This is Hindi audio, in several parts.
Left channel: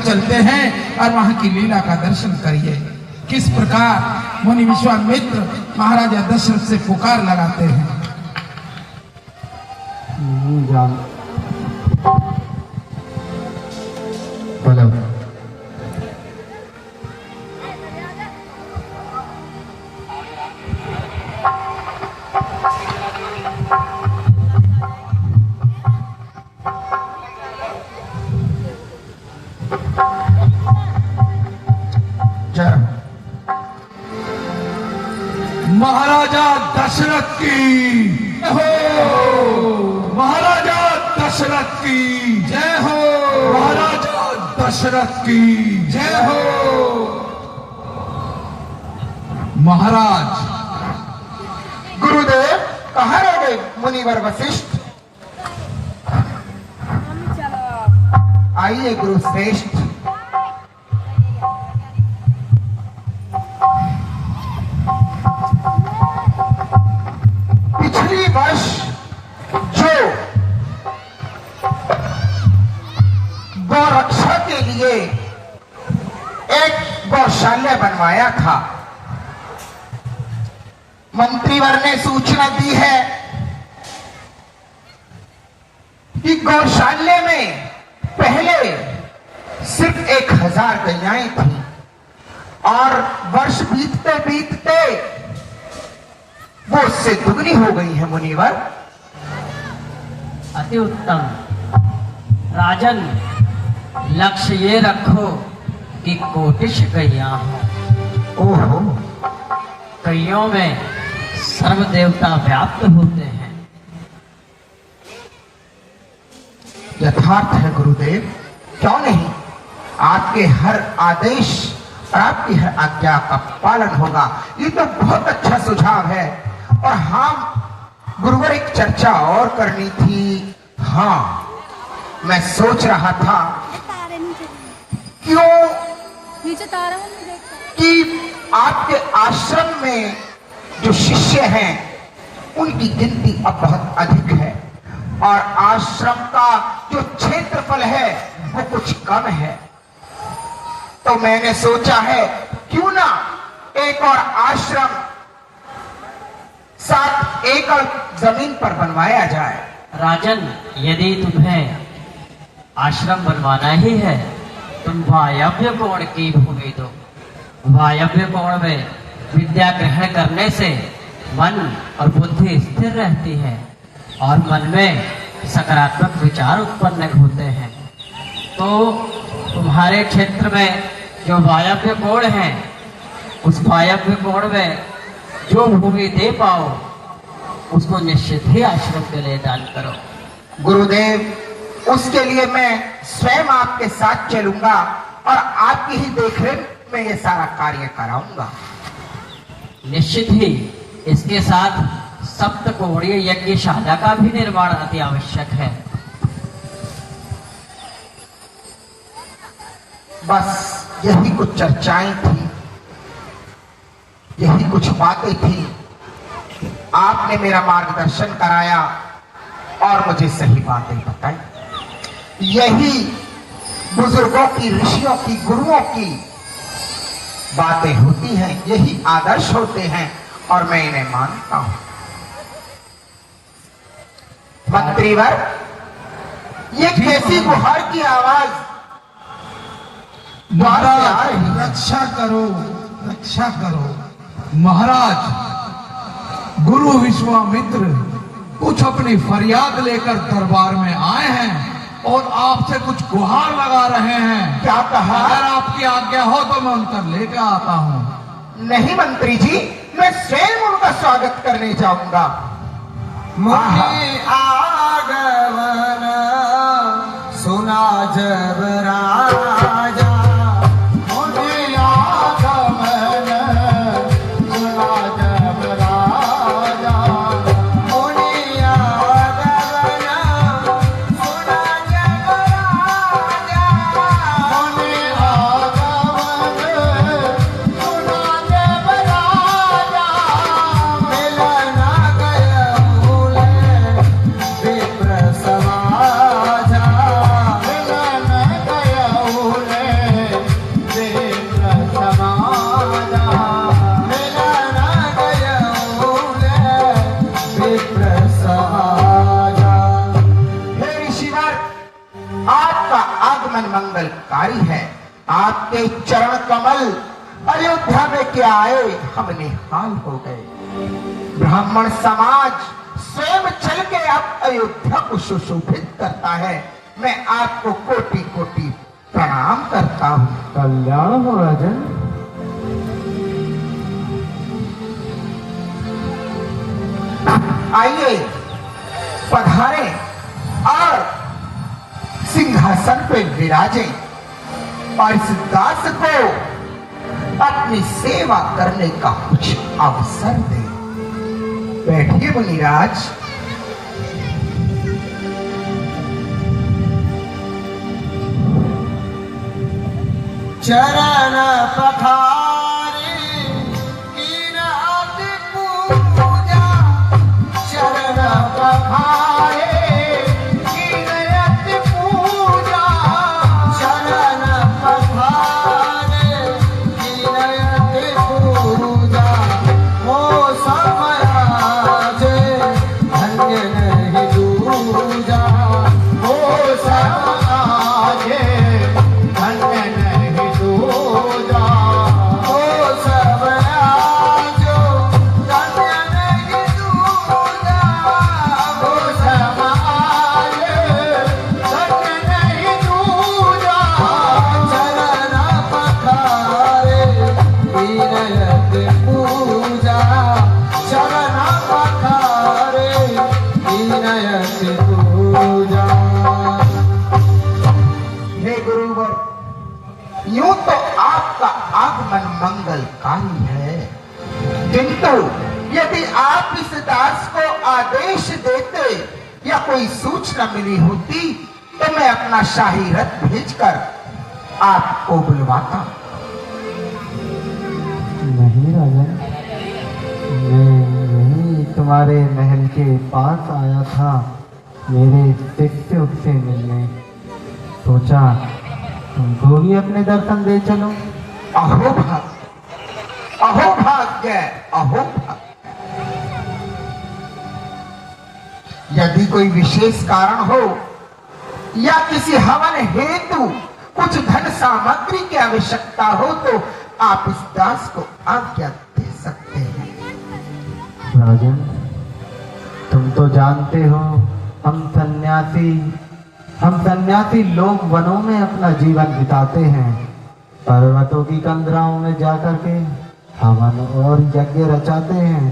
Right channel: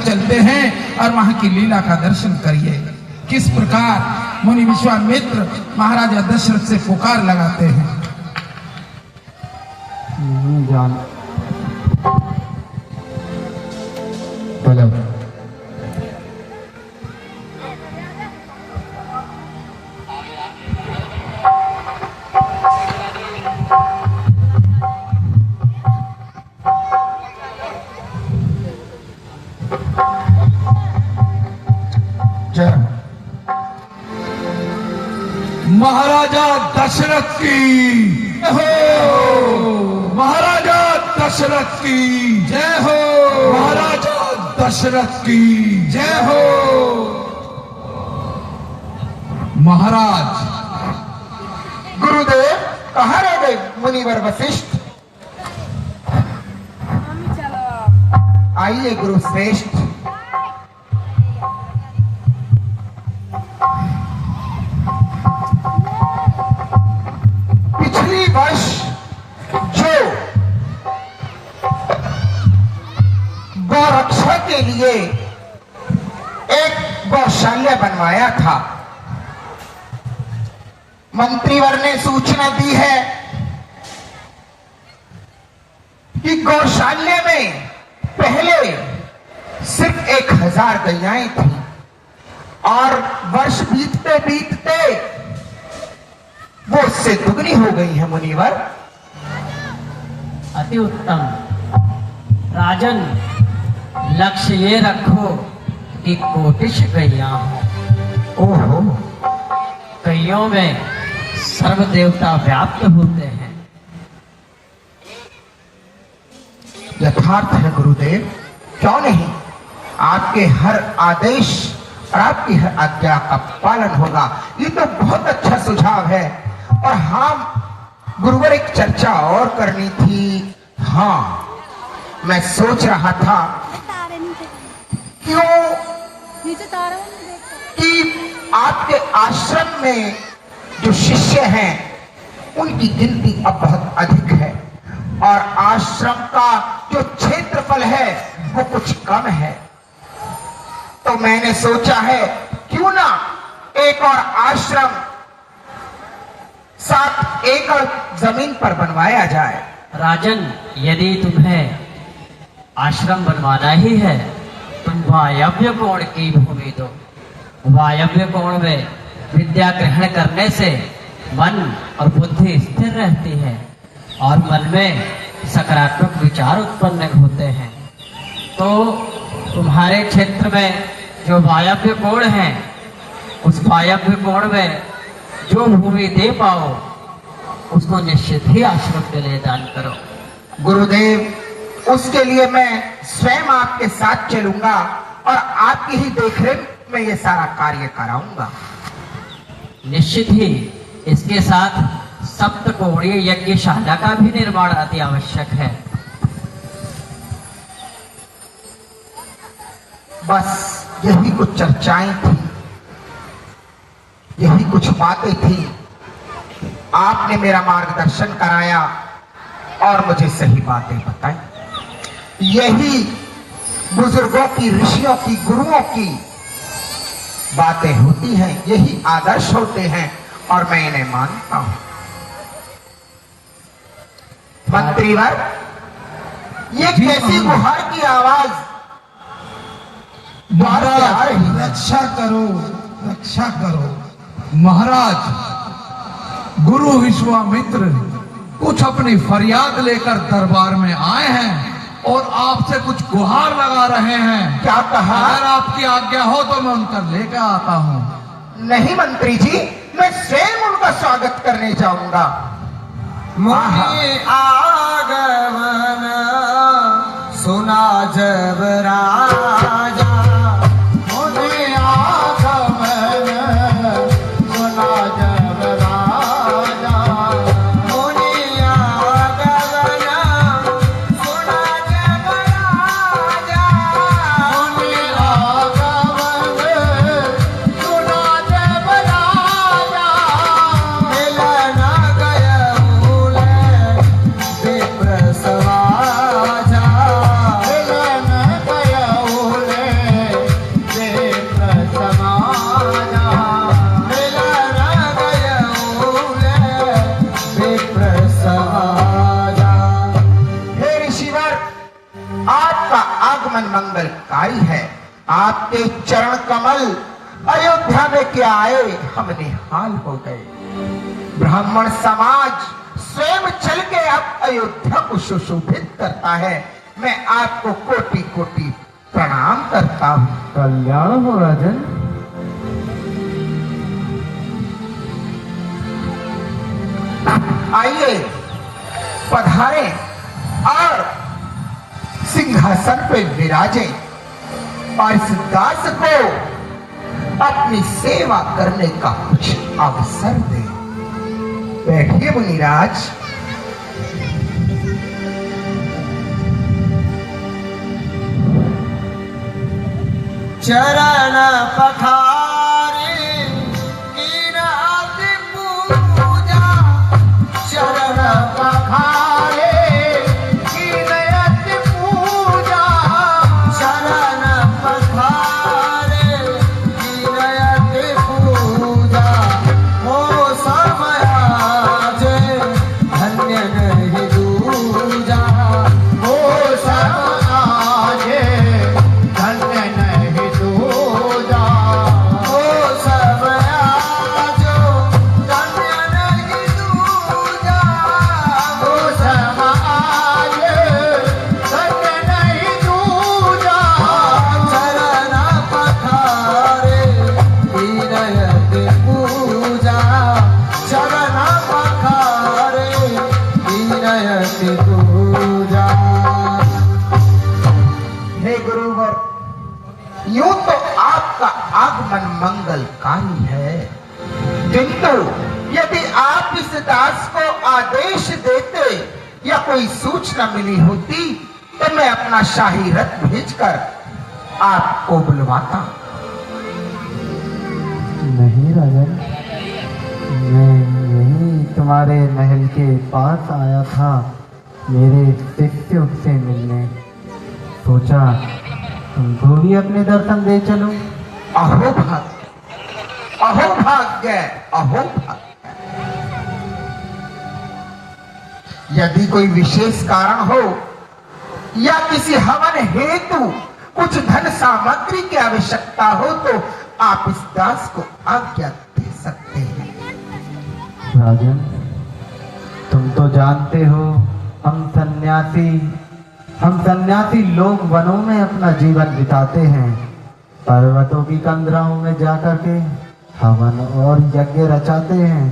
चलते हैं और वहां की लीला का दर्शन करिए। किस प्रकार मुनि विश्वामित्र महाराजा दशरथ से पुकार लगाते हैं। जान महाराजा दशरथ की जय हो। महाराजा दशरथ की जय हो। महाराजा दशरथ की जय हो। महाराज गुरुदेव कहाँ रह गए मुनिवर वशिष्ठ? आइए गुरु श्रेष्ठ। पिछली वर्ष जो गौरक्षा के लिए एक गौशाला बनवाया था, मंत्रीवर ने सूचना दी है कि गौशाले में पहले सिर्फ 1000 गैयाएं थी और वर्ष बीतते बीतते वो उससे दुगनी हो गई है मुनिवर। अति उत्तम राजन, लक्ष्य ये रखो कि कोटिश गैया हो। ओहो, गैयों में सर्व देवता व्याप्त होते हैं। यथार्थ है गुरुदेव, क्यों नहीं। आपके हर आदेश और आपकी हर आज्ञा का पालन होगा। ये तो बहुत अच्छा सुझाव है। और हम गुरुवर एक चर्चा और करनी थी। हाँ, मैं सोच रहा था क्यों कि आपके आश्रम में जो शिष्य हैं उनकी गिनती अब बहुत अधिक है और आश्रम का जो क्षेत्रफल है वो कुछ कम है। तो मैंने सोचा है क्यों ना एक और आश्रम 7 एकड़ जमीन पर बनवाया जाए। राजन, यदि तुम्हें आश्रम बनवाना ही है, तुम वायव्य कोण की भूमि दो। वायव्य कोण में विद्या ग्रहण करने से मन और बुद्धि स्थिर रहती है और मन में सकारात्मक विचार उत्पन्न होते हैं। तो तुम्हारे क्षेत्र में जो वायव्य कोण है, उस वायव्य कोण में जो भूमि दे पाओ उसको निश्चित ही आश्रम के लिए दान करो। गुरुदेव, उसके लिए मैं स्वयं आपके साथ चलूंगा और आपकी ही देखरेख में ये सारा कार्य कराऊंगा। निश्चित ही इसके साथ सप्तकोणीय यज्ञशाला का भी निर्माण अति आवश्यक है। बस यही कुछ चर्चाएं थी, यही कुछ बातें थी। आपने मेरा मार्गदर्शन कराया और मुझे सही बातें बताई। यही बुजुर्गों की, ऋषियों की, गुरुओं की बातें होती हैं, यही आदर्श होते हैं और मैं इन्हें मानता हूं। मंत्रीवर, ये कैसी गुहार की आवाज बाहर से आ रही है? रक्षा करो, रक्षा करो। महाराज, गुरु विश्वामित्र कुछ अपनी फरियाद लेकर दरबार में आए हैं और आपसे कुछ गुहार लगा रहे हैं। क्या कहा? अगर आपकी आज्ञा हो तो मैं उनका लेकर आता हूँ। नहीं मंत्री जी, मैं स्वयं उनका स्वागत करने जाऊंगा। मुनि आगमन सुना जब राजा, मुनि आगमन सुना जब राजा, मुनि आगमन सुना जब राजा, मुनि आगमन सुना जब राजा, मिलन गय मूले विप्र समाजा, मिलन मंगलकारी है। आपके चरण कमल अयोध्या में क्या आए हम निहाल हो गए। ब्राह्मण समाज स्वयं चल के आप अयोध्या को सुशोभित करता है। मैं आपको कोटि कोटि प्रणाम करता हूँ। कल्याण हो राजन। आइए पधारे और सिंहासन पे विराजे और इस दास को अपनी सेवा करने का कुछ अवसर दे। बैठिए मुनिराज। चरण पठारे कीरति पूजा, चरण पठारे कीरति पूजा, चरण पठारे कीरति पूजा। हो समय जे धन्य नहीं दूजा, हो समय जे धन्य नहीं दूजा, हो समय जो धन्य नहीं दूजा, हो समय धन्य नहीं दूजा। चरण पठारे कीरति पूजा, चरण पठारे कीरति पूजा। हे गुरुवर, यूं तो आपका आगमन मंगलकारी है, किंतु यदि आप इस दास को आदेश देते या कोई सूचना मिली होती तो मैं अपना शाही रथ भेजकर आपको बुलवाता। नहीं राजन, मैं यही तुम्हारे महल के पास आया था मेरे शिष्यों से मिलने। सोचा तुमको भी अपने दर्शन दे चलो। अहो भाग्य, अहो भाग्य, अहो भाग्य। यदि कोई विशेष कारण हो या किसी हवन हेतु कुछ धन सामग्री की आवश्यकता हो तो आप इस दास को आज्ञा दे सकते हैं। राजन, तुम तो जानते हो हम सन्यासी लोग वनों में अपना जीवन बिताते हैं, पर्वतों की कंदराओं में जाकर के हवन और यज्ञ रचाते हैं।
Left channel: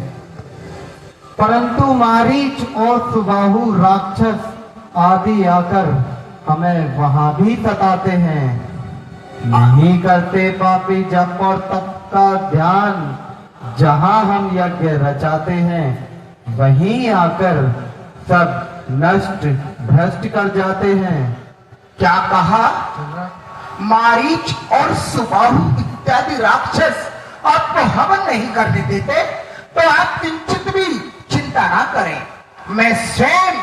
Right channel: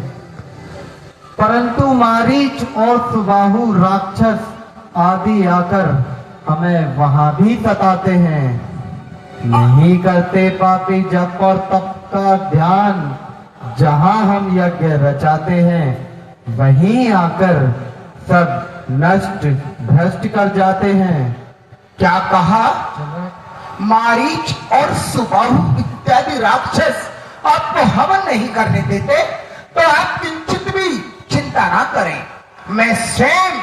परंतु मारीच और सुबाहु राक्षस आदि आकर हमें वहां भी सताते हैं। नहीं करते पापी जप और तप का ध्यान। जहां हम यज्ञ रचाते हैं वहीं आकर सब नष्ट भ्रष्ट कर जाते हैं। क्या कहा? मारीच और सुबाहु इत्यादि राक्षस आपको हवन नहीं करने देते तो आप किंचित भी चिंता ना करें, मैं स्वयं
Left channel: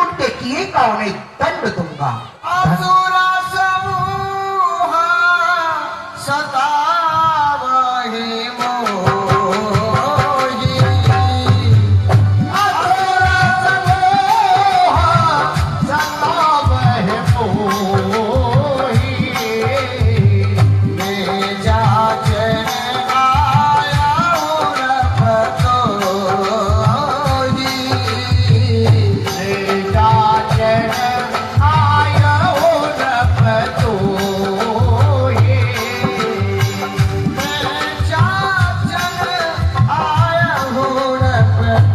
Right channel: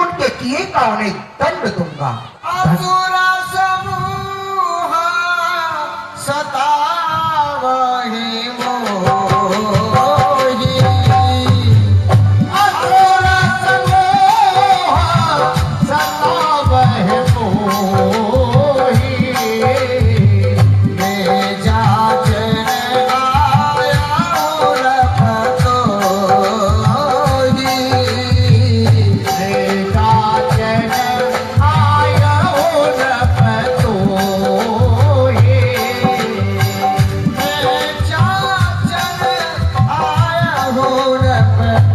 उनके किए का उन्हें दंड दूंगा। असुरा समूह सतावहि मोहि, असुरा समूह सतावहि मोहि। मैं जाचन आया उरपतोहि, मैं जाचन आया उरपतोहि, मैं जाचन आया उरपतोहि।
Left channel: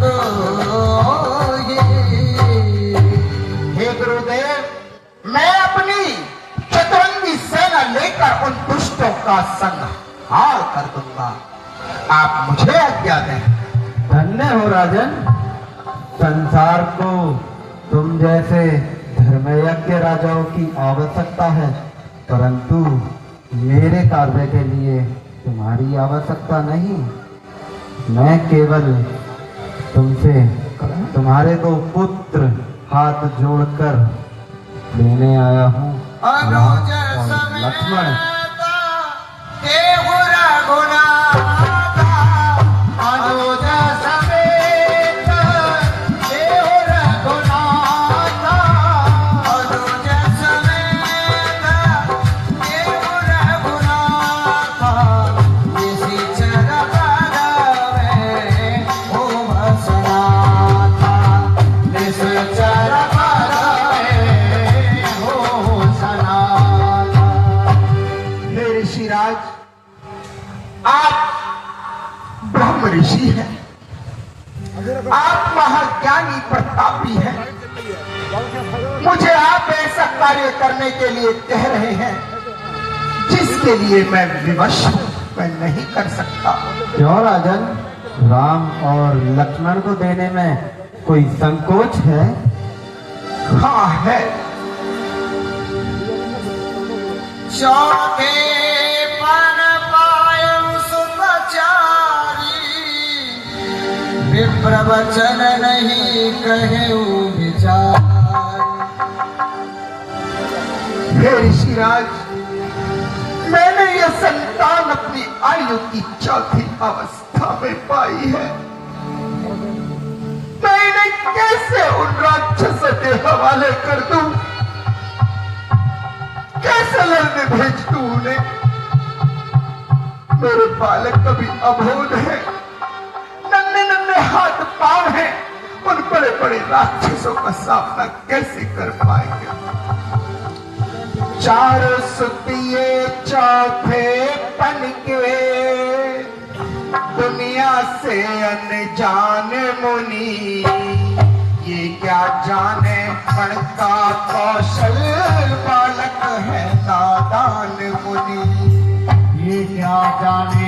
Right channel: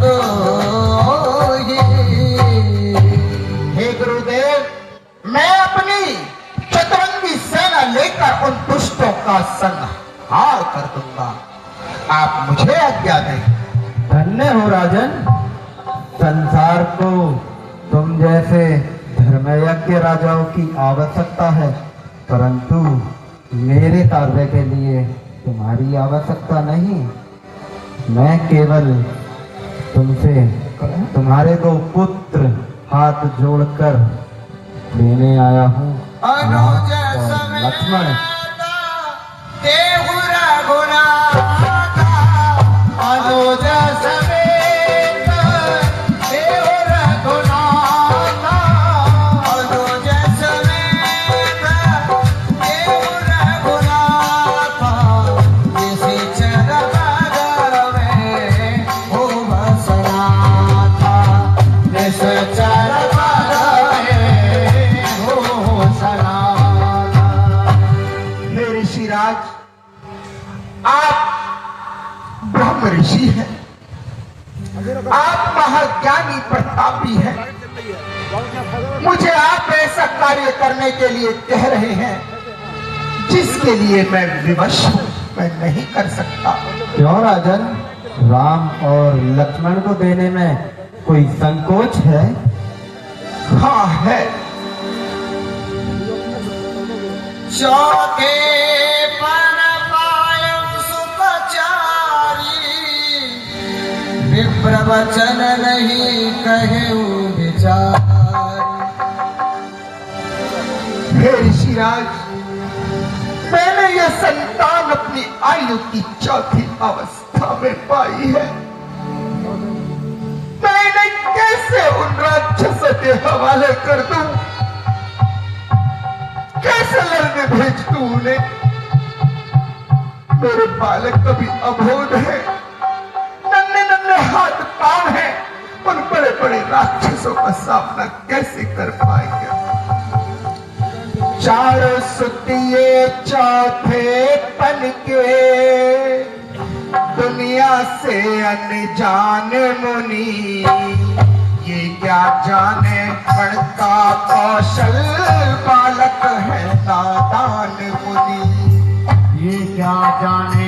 हे गुरुदेव, मैं अपनी चतुरंगी सेना लेकर उन दुष्टों का संहार कर दूंगा। आप मुझे आज्ञा दें। धन्य हो राजन। संसार को तुम जैसे धर्मयज्ञ राजाओं की आवश्यकता है, परंतु मेरे कार्य के लिए तुम्हारी आवश्यकता नहीं। मैं केवल तुमसे तुम्हारे दो पुत्र हाथ जोड़कर लेने आया हूँ। राम और लक्ष्मण। देहु रघुनाथा, अनुज समेत, देहु रघुनाथा, अनुज समेत, ऋषिराज, आप ब्रह्म ऋषि हैं, आप महाज्ञानी प्रतापी हैं। मुझे आप ऐसा कार्य करने के लिए कह रहे हैं जिसके लिए मैं विवश हूं, मैं नहीं कर सकता। क्यों राजन, राम और लक्ष्मण को देने में कोई संकोच है? हाँ है। चौथे पर पायु सुपचारी, विप्रवचन नहीं कहे विचार। हे ऋषिराज, मैंने यह संतान अपनी आयु की चौथी अवस्था में पाई है। मैं इन्हें कैसे उन राक्षसों के हवाले कर दूं? कैसे लड़ने भेज दूं उन्हें? मेरे बालक कभी अबोध है, नन्हे नन्हे हाथ पांव हैं, उन बड़े बड़े राक्षसों का सामना कैसे कर पाएंगे? चारों सुतिए चौथे पन के, दुनिया से अनजान मुनि, ये क्या जाने गणता कौशल, बालक है नादान मुनि। ये क्या जाने